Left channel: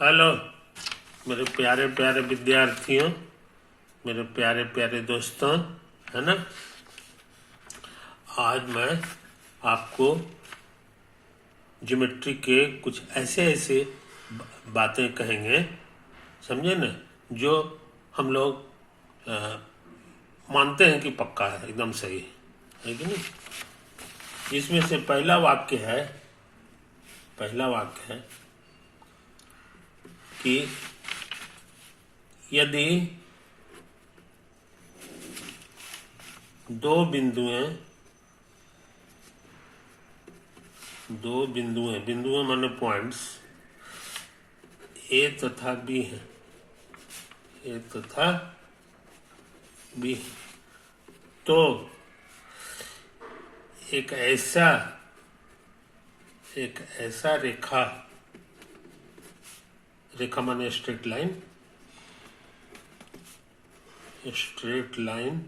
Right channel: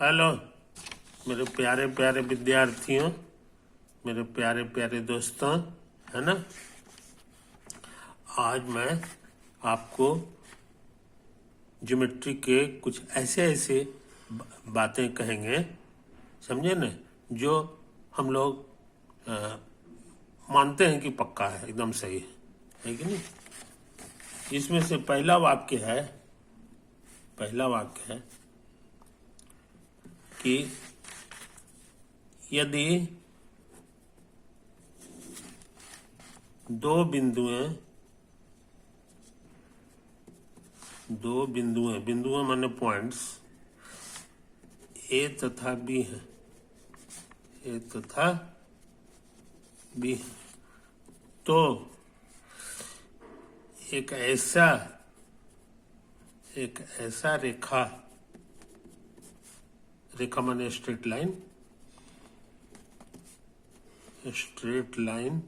Hello मेरे प्यारे प्यारे विद्यार्थियों, मेरे प्यारे प्यारे दोस्तों, है ना। आज मैं आपको ज्योमेट्री के कुछ ऐसे ऐसे बातें कहेंगे, समझे ना, जो हम लोग मानते हैं कि पक्का है, एकदम सही है कि नहीं। इसमें से पहला वाक्य है कि यदि दो बिंदुएं माने पॉइंट्स ए तथा बी हैं, तो एक ऐसा रेखा माने स्ट्रेट लाइन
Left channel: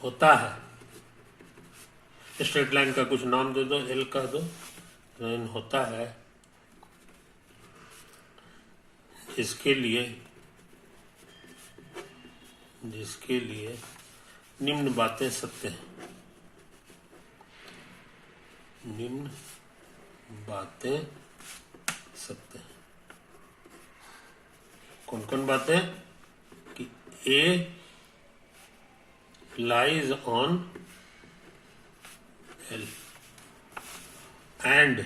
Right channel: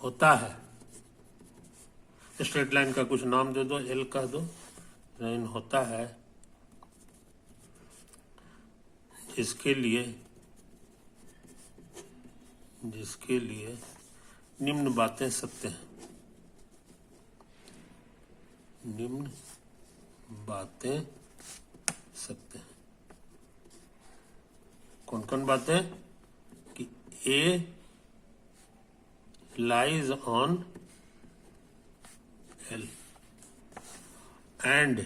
होता है। स्ट्रेट लाइन का कुछ नाम दे दो, एल कह दो। लाइन होता है जिसके लिए निम्न बातें सत्य हैं। निम्न बातें सत्य हैं। कौन कौन बातें? कि A lies on l and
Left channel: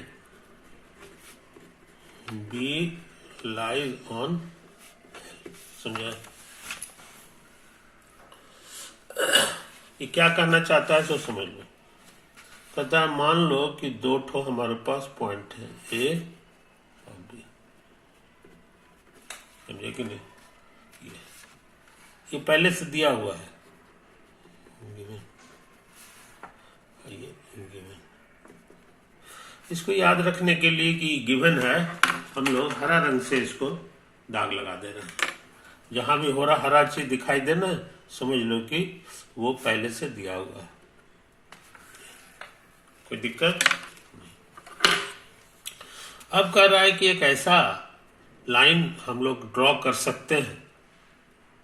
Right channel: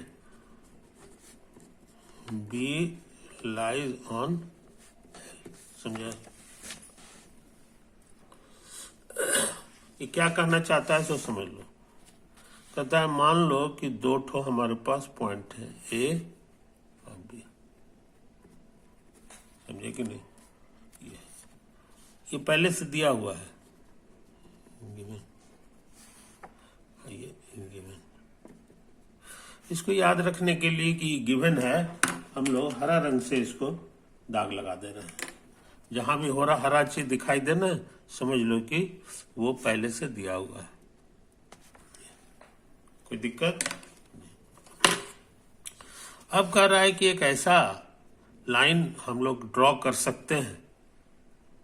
B lies on l. समझा? ये क्या कहना चाहता है सो समझ लो। कहता है मान लो कि दो ठो हमारे पास पॉइंट है, ए और बी। समझे कि नहीं? ये पहले से दिया हुआ है। ये गिवन। इसको याद रखने के लिए कि गिवन है, हम लोग हरा रंग से इसको दाग लगा दे रहे हैं। जहां भी हो रहा हरा चीज दिखाई दे ना, समझ लो कि वो पहले से दिया हुआ है। कोई दिक्कत नहीं। अब कह रहा है कि एक ऐसा लाइन हम लोग ड्रॉ कर सकते हैं,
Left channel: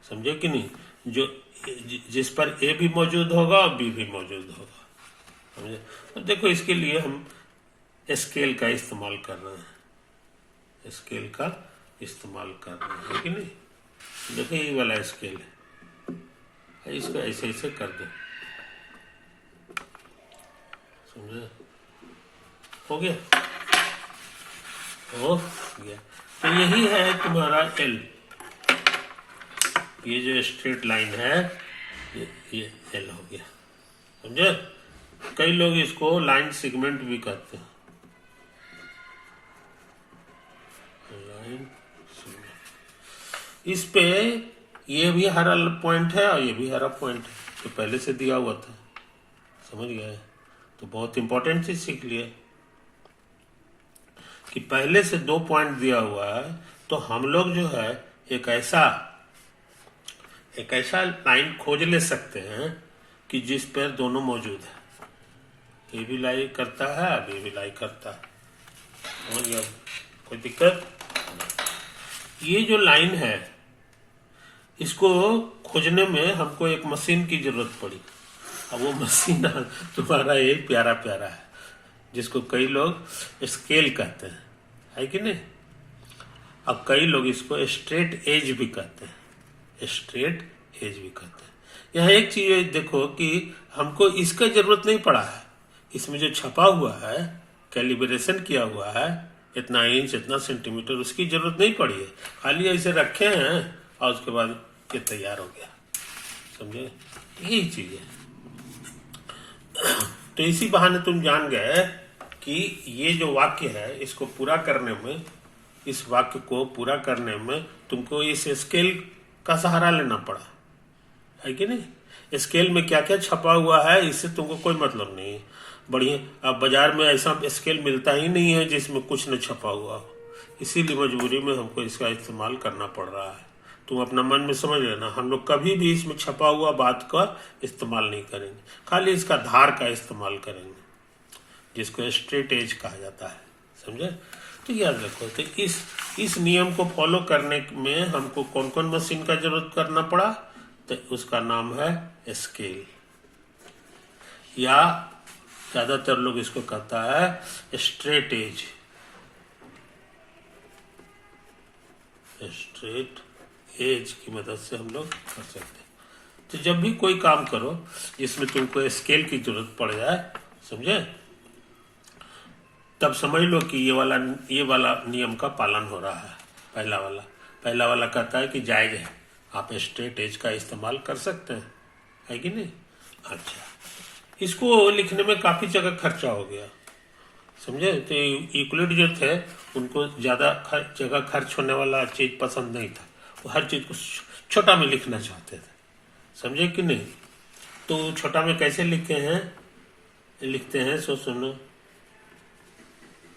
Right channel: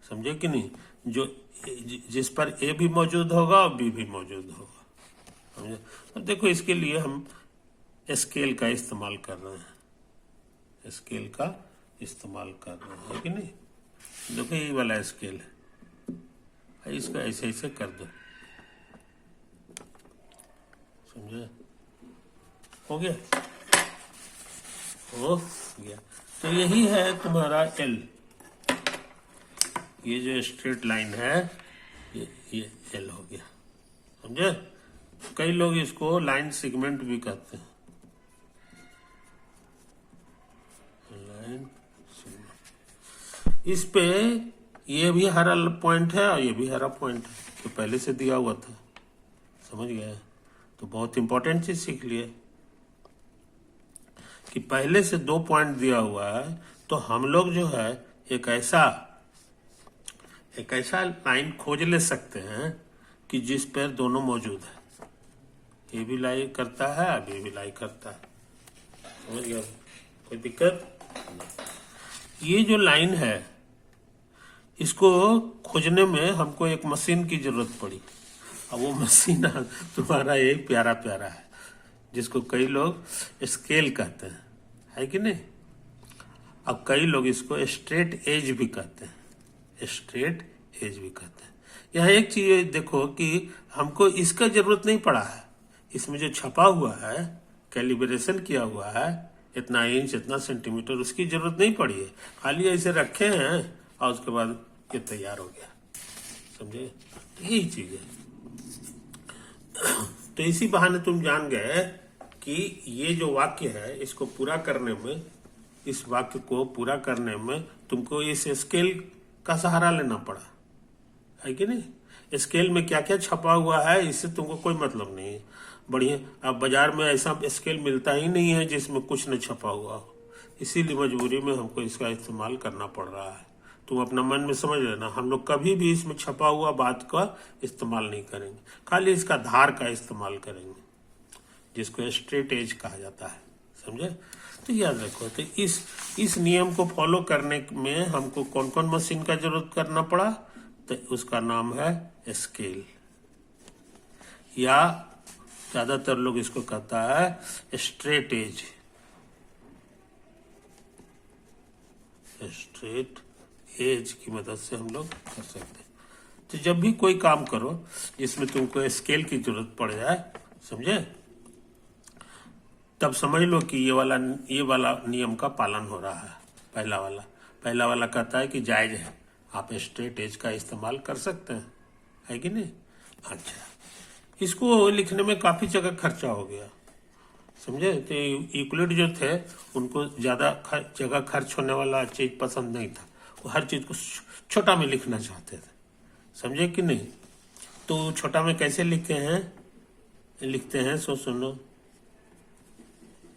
समझे कि नहीं, जो जिस पर ए भी मौजूद होगा और बी भी मौजूद होगा। समझे? तो देखो, इसके लिए हम स्केल का इस्तेमाल कर रहे हैं। है कि नहीं? देखो ये वाला स्केल है, इसको ऐसे ऐसे कर दो। समझे? हो गया? तो यही है तुम्हारा एल। ये जो स्ट्रेट लाइन है ये एल हो गया। समझे? कई लोग इसको लाइन सेगमेंट भी कहते हैं। Line segment. इस पे ये भी हरा पॉइंट है और ये भी हरा पॉइंट है, जो पहले से दिया हुआ था। समझ गए? तो बहुत इंपॉर्टेंट चीज सीख लिया कि पहले से दो पॉइंट दिया हुआ है, तो हम लोग जो है एक ऐसा लाइन खोज ले सकते हैं कि जिस पर दोनों मौजूद है। ये भी लाई करता है, ये भी लाई करता है। समझ गया? कोई दिक्कत? ये जो लाइन है, इसको खोजने में हमको एक मशीन की जरूरत पड़ी। अब वो मशीन तुम्हारा एक प्यारा है, जिसको कई लोग स्केल कहते हैं, है कि नहीं। अब कई लोग इसको स्ट्रेट एज भी कहते हैं। यहाँ एक चीज देखो कि हमको इसका जरूरत नहीं पड़ा है। इसमें जो छपा हुआ है, कैलिब्रेशन किया हुआ है, इतना इंच इतना सेंटीमीटर, उसकी जरूरत नहीं पड़ी है। खाली ऐसे रखे हैं और उसके बाद ये तैयार हो गया। समझे? यही चीज है। तो इसी बहाने तुम जान गए कि ये जो वाक्य है, इसको पूरा करने में, इस वाक्य को पूरा करने में तुमको इस स्केल का सहारा लेना पड़ा, है कि नहीं। स्केल में क्या क्या छपा हुआ है, इससे तुमको कोई मतलब नहीं है। बढ़िया, अब बाजार में ऐसा स्केल मिलता ही नहीं है जिसमें कुछ न छपा हुआ हो। इसीलिए मजबूरी में हमको इसका इस्तेमाल करना पड़ रहा है। तुम अपना मन में समझ लेना, हम लोग कभी भी इसमें छपा हुआ बात का इस्तेमाल नहीं करेंगे, खाली इसका धार का इस्तेमाल करेंगे, जिसको स्ट्रेट एज कहा जाता है। समझे? तो याद रखो, तो इस नियम को फॉलो करने में हमको कौन कौन मशीन का जरूरत करना पड़ा, तो उसका नाम है स्केल, या ज्यादातर लोग इसको कहता है स्ट्रेट एज। स्ट्रेट एज की मदद से हम लोग कर सकते हैं। तो जब भी कोई काम करो जिसमें तुमको स्केल की जरूरत पड़ जाए, समझे, तब समझ लो कि ये वाला नियम का पालन हो रहा है। पहला वाला कहता है कि जायज है, आप स्ट्रेट एज का इस्तेमाल कर सकते हैं, है कि नहीं? अच्छा, इसको लिखने में काफी जगह खर्चा हो गया, समझे? तो यूक्लिड जो थे उनको ज्यादा जगह खर्च होने वाला चीज पसंद नहीं था, वो हर चीज को छोटा में लिखना चाहते थे, समझे कि नहीं? तो छोटा में कैसे लिखते हैं सो सुनो,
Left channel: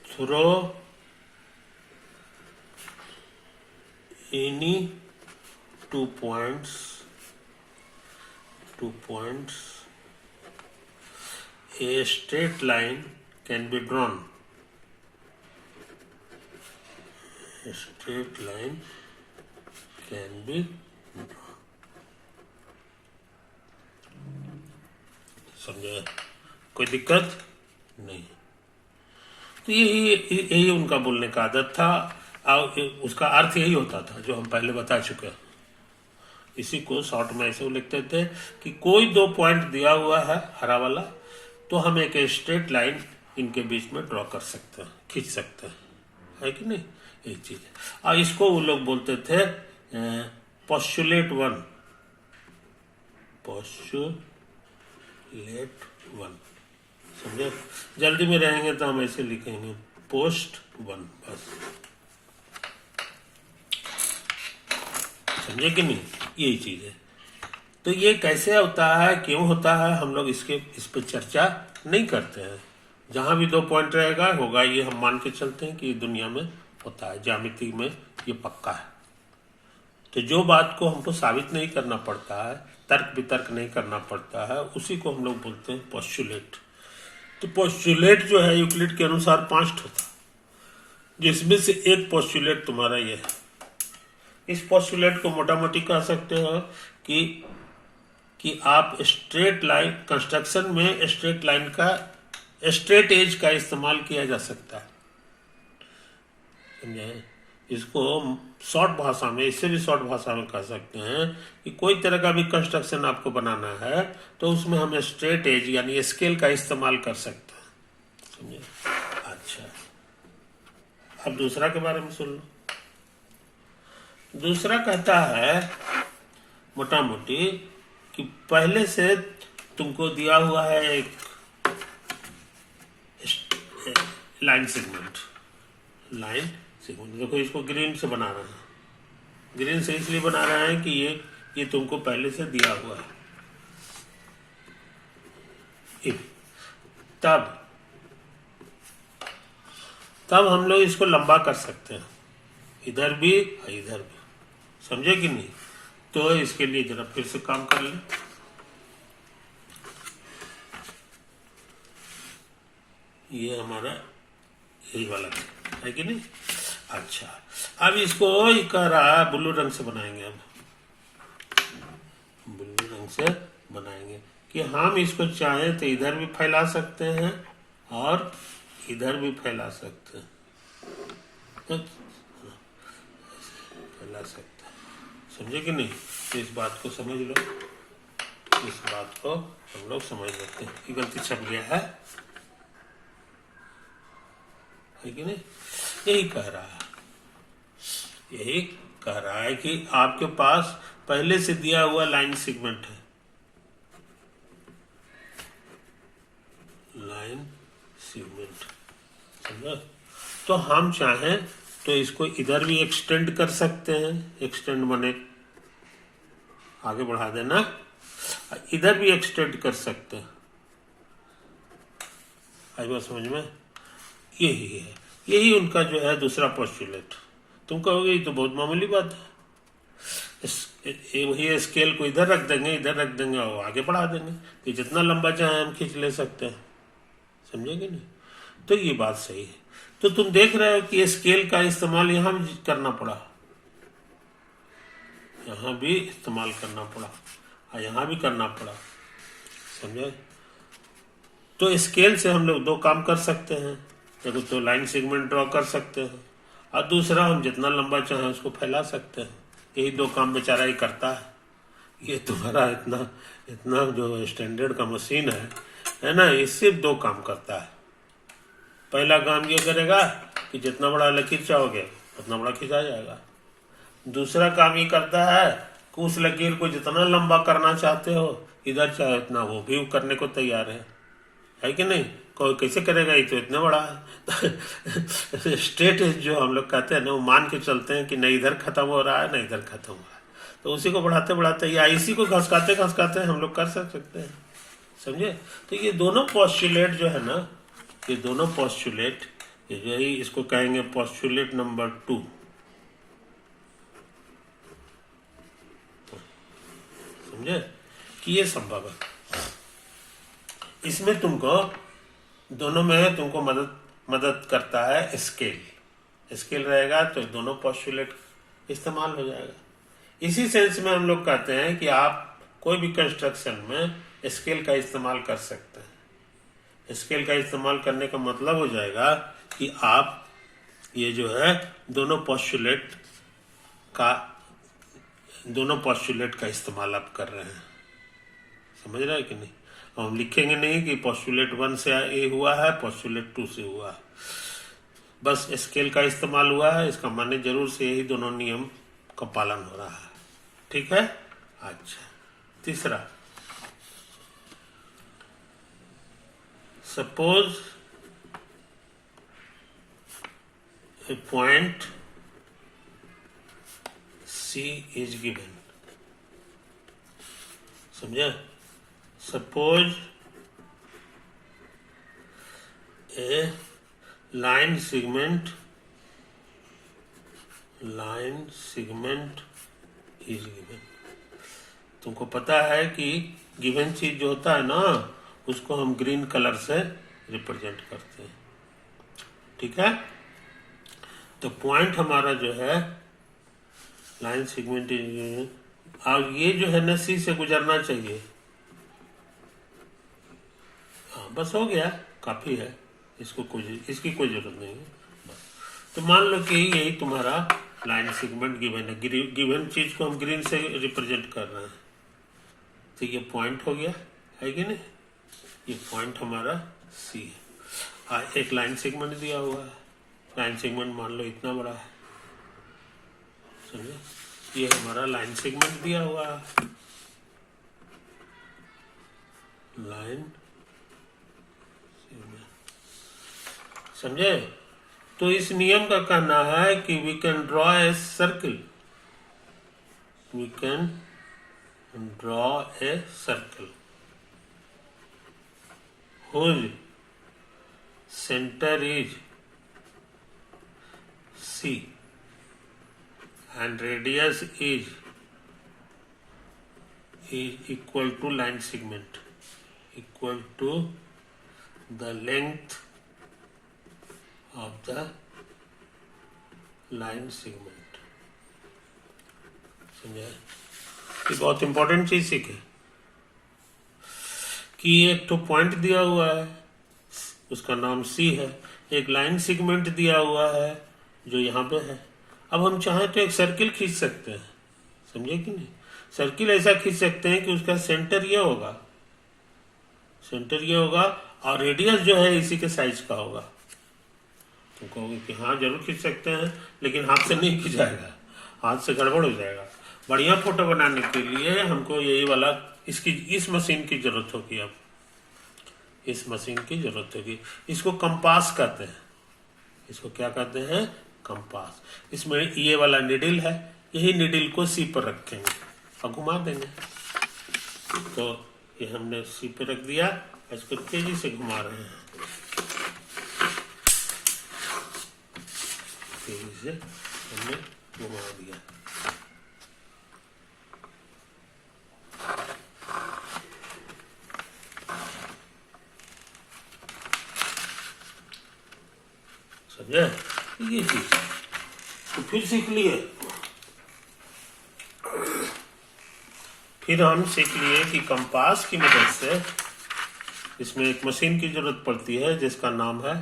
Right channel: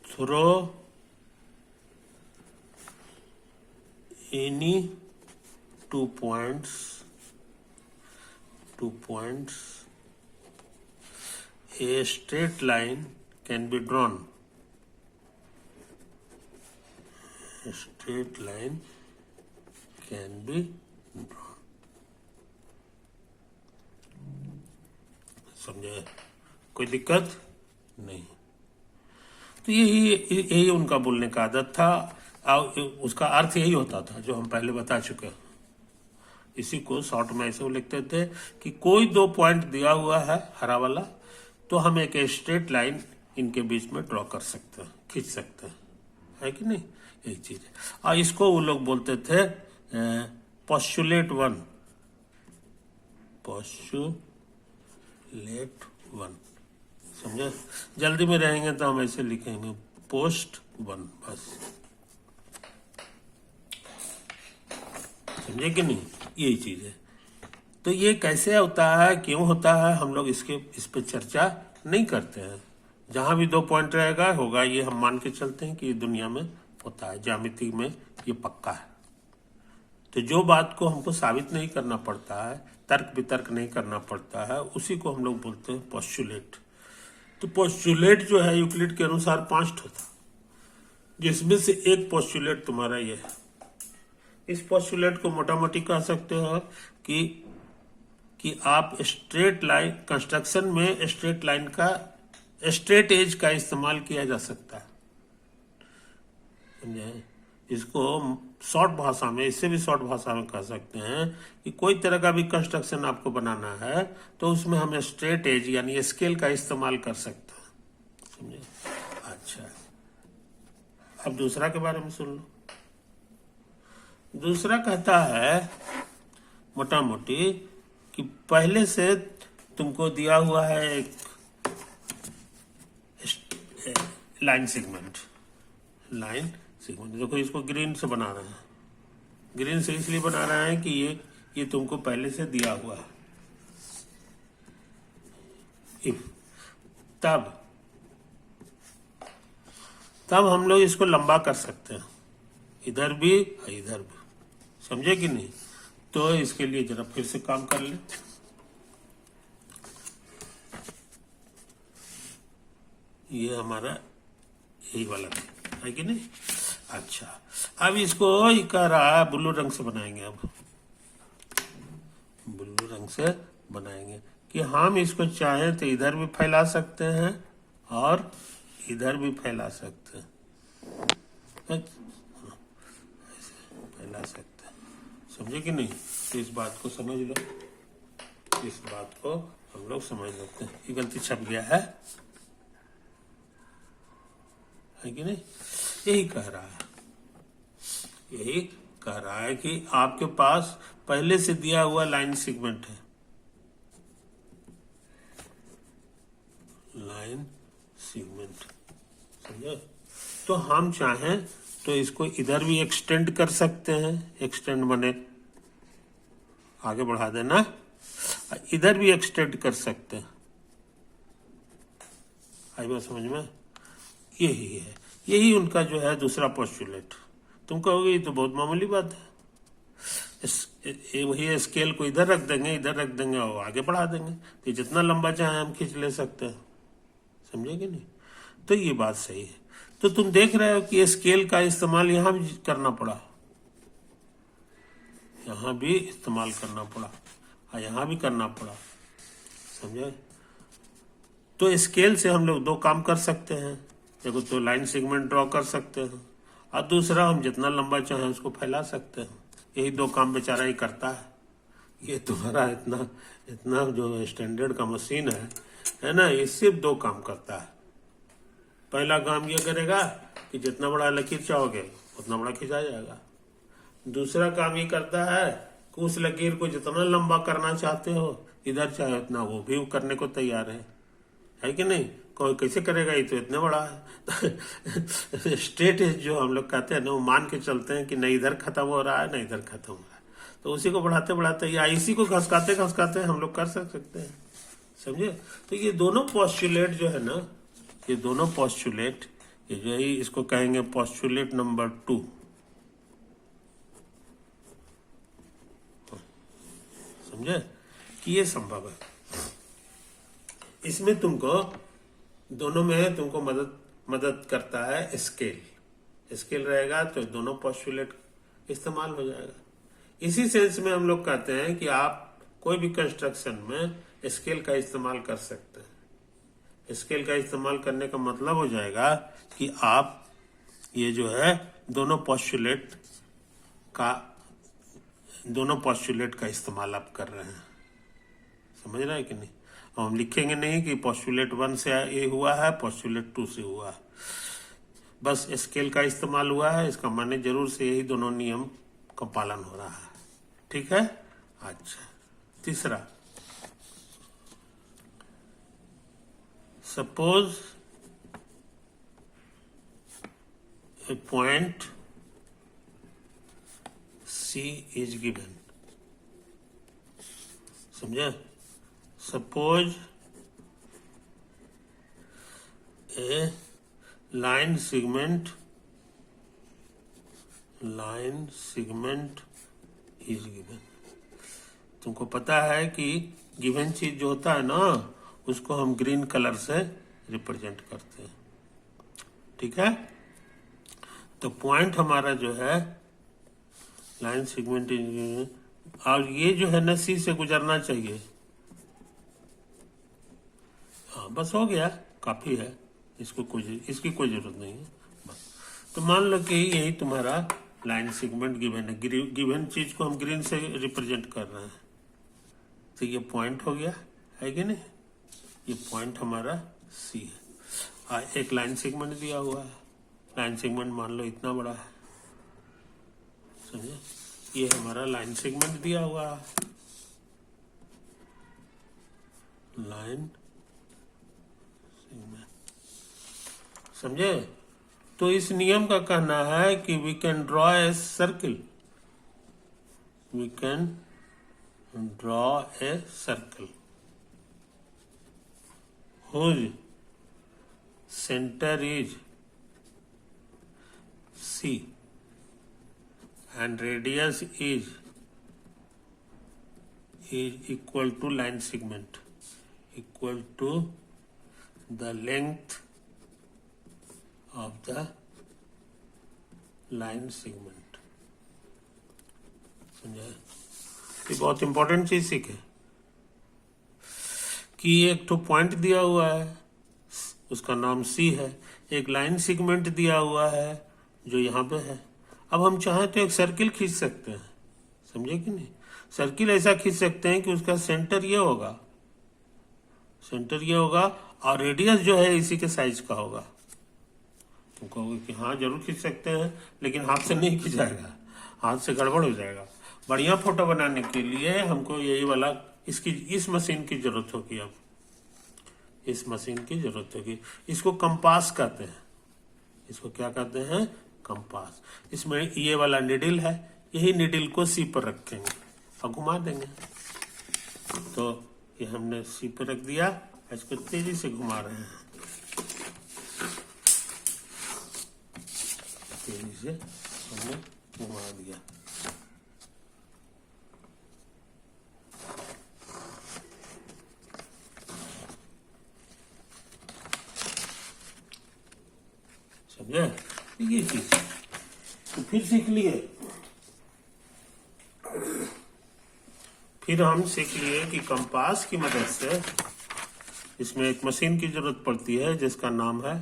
through any two points a straight line can be drawn. A straight line can be drawn. समझे? कोई दिक्कत नहीं। तो यही उनका बोलने का आदत था, और उसका अर्थ यही होता था जो हम पहले बता चुके हैं। इसी को शॉर्ट में ऐसे लिखते थे कि कोई 2 पॉइंट दिया हुआ है हरा वाला, तो हम एक स्ट्रेट लाइन इनके बीच में ड्रॉ कर सकते हैं, खींच सकते हैं, है कि नहीं? यही चीज है। और इसको वो लोग बोलते थे पोस्टुलेट 1। समझे? जल्दी में रहेंगे तो हम ऐसे लिखेंगे पोस्ट 1, बस, समझे कि नहीं? यही चीज है। तो ये कैसे होता है, क्यों होता है, हम लोग इस पर चर्चा नहीं करते हैं। जहां भी 2 पॉइंट रहेगा होगा, ये हम मान के चलते हैं कि ये दुनिया में होता है, ज्यामिति में ये पक्का है। तो जो बात को हमको साबित नहीं करना पड़ता है, तर्क वितर्क नहीं करना पड़ता है, उसी को हम लोग बोलते हैं पोस्टुलेट। तो पोस्टुलेट जो है यूक्लिड के अनुसार 5 होता, जिसमें से एक पोस्टुलेट तुम्हारा ये है। इस पोस्टुलेट को मोटा मोटी कह सकते हो कि आप स्ट्रेट लाइन कंस्ट्रक्शन में स्ट्रेट लाइन का स्ट्रेट एज का इस्तेमाल किया जा सकता है, समझे? इसको शॉर्ट भाषा में, इससे भी शॉर्ट भाषा में कह सकते हैं कि कोई तरह का भी कंस्ट्रक्शन आपको बनाना है तो उसमें हम स्ट्रेट एज यानी स्केल का इस्तेमाल कर सकते हैं, समझे? अच्छा, अब दूसरा के बारे में सुन लो। दूसरा कहता है मोटा मोटी कि पहले से तुमको दिया हुआ है एक लाइन सेगमेंट। देखो, इसको ग्रीन से बना रहे हैं। ग्रीन से इसलिए बना रहे हैं कि ये तुमको पहले से दिया हुआ है। तब हम लोग इसको लंबा कर सकते हैं, इधर भी इधर भी, समझे कि नहीं? तो इसके लिए जरा फिर से काम कर ले। ये हमारा यही वाला है कि नहीं? अच्छा, अब इसको कह रहा है ब्लू रंग से बनाएंगे। अब ब्लू रंग से बनाएंगे कि हम इसको चाहें तो इधर भी फैला सकते हैं और इधर भी फैला सकते हैं, फैला सकते हैं, समझे कि नहीं? तो इस बात को समझ लो, इस बात को हम लोग समझ लेते हैं। ये गलती छप गया है कि नहीं? यही कह रहा है कि आपके पास पहले से दिया हुआ लाइन सेगमेंट है, लाइन सेगमेंट, समझो? तो हम चाहें तो इसको इधर भी एक्सटेंड कर सकते हैं, एक्सटेंड बने आगे बढ़ा देना, इधर भी एक्सटेंड कर सकते हैं। आई बात समझ में? यही उनका जो है दूसरा पोस्टुलेट। तुम कहोगे ये तो बहुत मामूली बात है, वही स्केल को इधर रख देंगे और आगे बढ़ा देंगे, तो जितना लंबा चाहे हम खींच ले सकते हैं, समझे कि नहीं? तो ये बात सही है। तो तुम देख रहे हो कि स्केल का इस्तेमाल यहां भी करना पड़ा, यहां भी इस्तेमाल करना पड़ा और यहां भी करना पड़ा, समझे। तो स्केल से हम लोग दो काम कर सकते हैं, देखो तो लाइन सेगमेंट ड्रॉ कर सकते हैं और दूसरा हम जितना लंबा चाहें उसको फैला सकते हैं। यही दो काम बेचारा ही करता है। ये तुम्हारा इतना इतना जो स्टैंडर्ड का मशीन है ना, ये सिर्फ दो काम करता है। पहला काम ये करेगा कि जितना बड़ा लकीर चाहोगे उतना बड़ा खिंचा जाएगा। दूसरा काम ये करता है कि उस लकीर को जितना लंबा करना चाहते हो इधर चाहे उतना वो भी करने को तैयार है कि नहीं। कोई कैसे करेगा, ये तो इतना बड़ा है। स्ट्रेट एज जो हम लोग कहते हैं ना, वो मान के चलते हैं कि न इधर खत्म हो रहा है न इधर खत्म हो रहा है, तो उसी को बढ़ाते बढ़ाते या इसी को घसकाते घसकाते हम लोग कर सकते हैं, समझे। तो ये दोनों पोस्टुलेट जो है ना, ये दोनों पोस्टुलेट, ये जो है इसको कहेंगे पोस्टुलेट नंबर 2, समझे कि ये संभव है। इसमें तुमको दोनों में तुमको मदद करता है स्केल। स्केल रहेगा तो दोनों पोस्टुलेट इस्तेमाल हो जाएगा। इसी सेंस में हम लोग कहते हैं कि आप कोई भी कंस्ट्रक्शन में स्केल का इस्तेमाल कर सकते हैं। स्केल का इस्तेमाल करने का मतलब हो जाएगा कि आप ये जो है दोनों पोस्टुलेट का इस्तेमाल आप कर रहे हैं, समझ रहे हैं कि नहीं। हम लिखेंगे नहीं कि पोस्टुलेट 1 से ये हुआ है, पोस्टुलेट 2 से हुआ है, बस स्केल का इस्तेमाल हुआ है, इसका माने जरूर से यही दोनों नियम का पालन हो रहा है, ठीक है। अच्छा, तीसरा, suppose a point C is given, समझे। Suppose a line segment is given. तुमको पता है कि गिवन चीज जो होता है ना, उसको हम ग्रीन कलर से रिप्रेजेंट करते हैं, ठीक है। तो पॉइंट हमारा जो है लाइन सेगमेंट इज गिवन, और ये जो है ना C से गुजरना चाहिए। हाँ, बस हो गया, काफी है, इसकी कोई जरूरत नहीं है बस। तो मान लो कि यही तुम्हारा लाइन सेगमेंट गिवन है, गिवन चीज को हम ग्रीन से रिप्रेजेंट कर रहे हैं, तो ये पॉइंट हो गया, है कि नहीं। ये पॉइंट हमारा C है। एक लाइन सेगमेंट दिया हुआ है, लाइन सेगमेंट मान लो इतना बड़ा है, समझे। ये हमारा लाइन सेगमेंट दिया हुआ है, लाइन, समझे। तो इस नियम का कहना है कि we can draw a circle, whose center is C and radius is equal to line segment, equal to the length of the line segment, समझे। ये बहुत इंपॉर्टेंट चीज सीखे कि एक तो पॉइंट दिया हुआ है, उसका नाम C है, एक लाइन सेगमेंट दिया हुआ है जो यहाँ पे है। अब हम चाहें तो एक सर्किल खींच सकते हैं, समझे कि नहीं। सर्किल ऐसा खींच सकते हैं कि उसका सेंटर ये होगा और रेडियस जो है इसी के साइज का होगा। तुम कहोगे कि हाँ जरूर खींच सकते हैं, लेकिन हाथ से नहीं खींचाएगा, हाथ से गड़बड़ हो जाएगा। बढ़िया फोटो बनाने के लिए हमको यही वाला इस मशीन की जरूरत होगी। अब इस मशीन की जरूरत होगी, इसको कंपास कहते हैं। इसको क्या कहते हैं? कंपास। इसमें ये वाला निडिल है, यही निडिल को C पर रखेंगे और घुमा देंगे। तो ये हमने C पर रख दिया, इसको तेजी से घुमा रहे हैं, तेजी से हमने घुमा दिया। समझे? ये चीज तो फिर सीख लिए। फिर हम सीख लिए कि कंपास की मदद से इसमें एक मशीन की जरूरत पड़ती है जिसका नाम है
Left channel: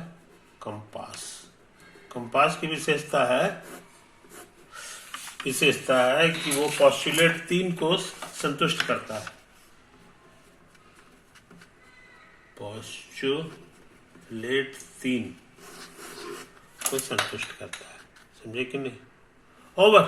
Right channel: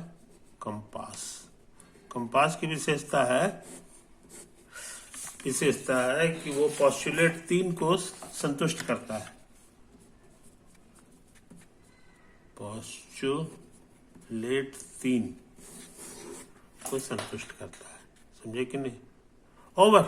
कंपास। कंपास की विशेषता है कि वो पोस्टुलेट 3 को संतुष्ट करता है। पोस्टुलेट 3 को संतुष्ट करता है, समझे कि नहीं? ओवर।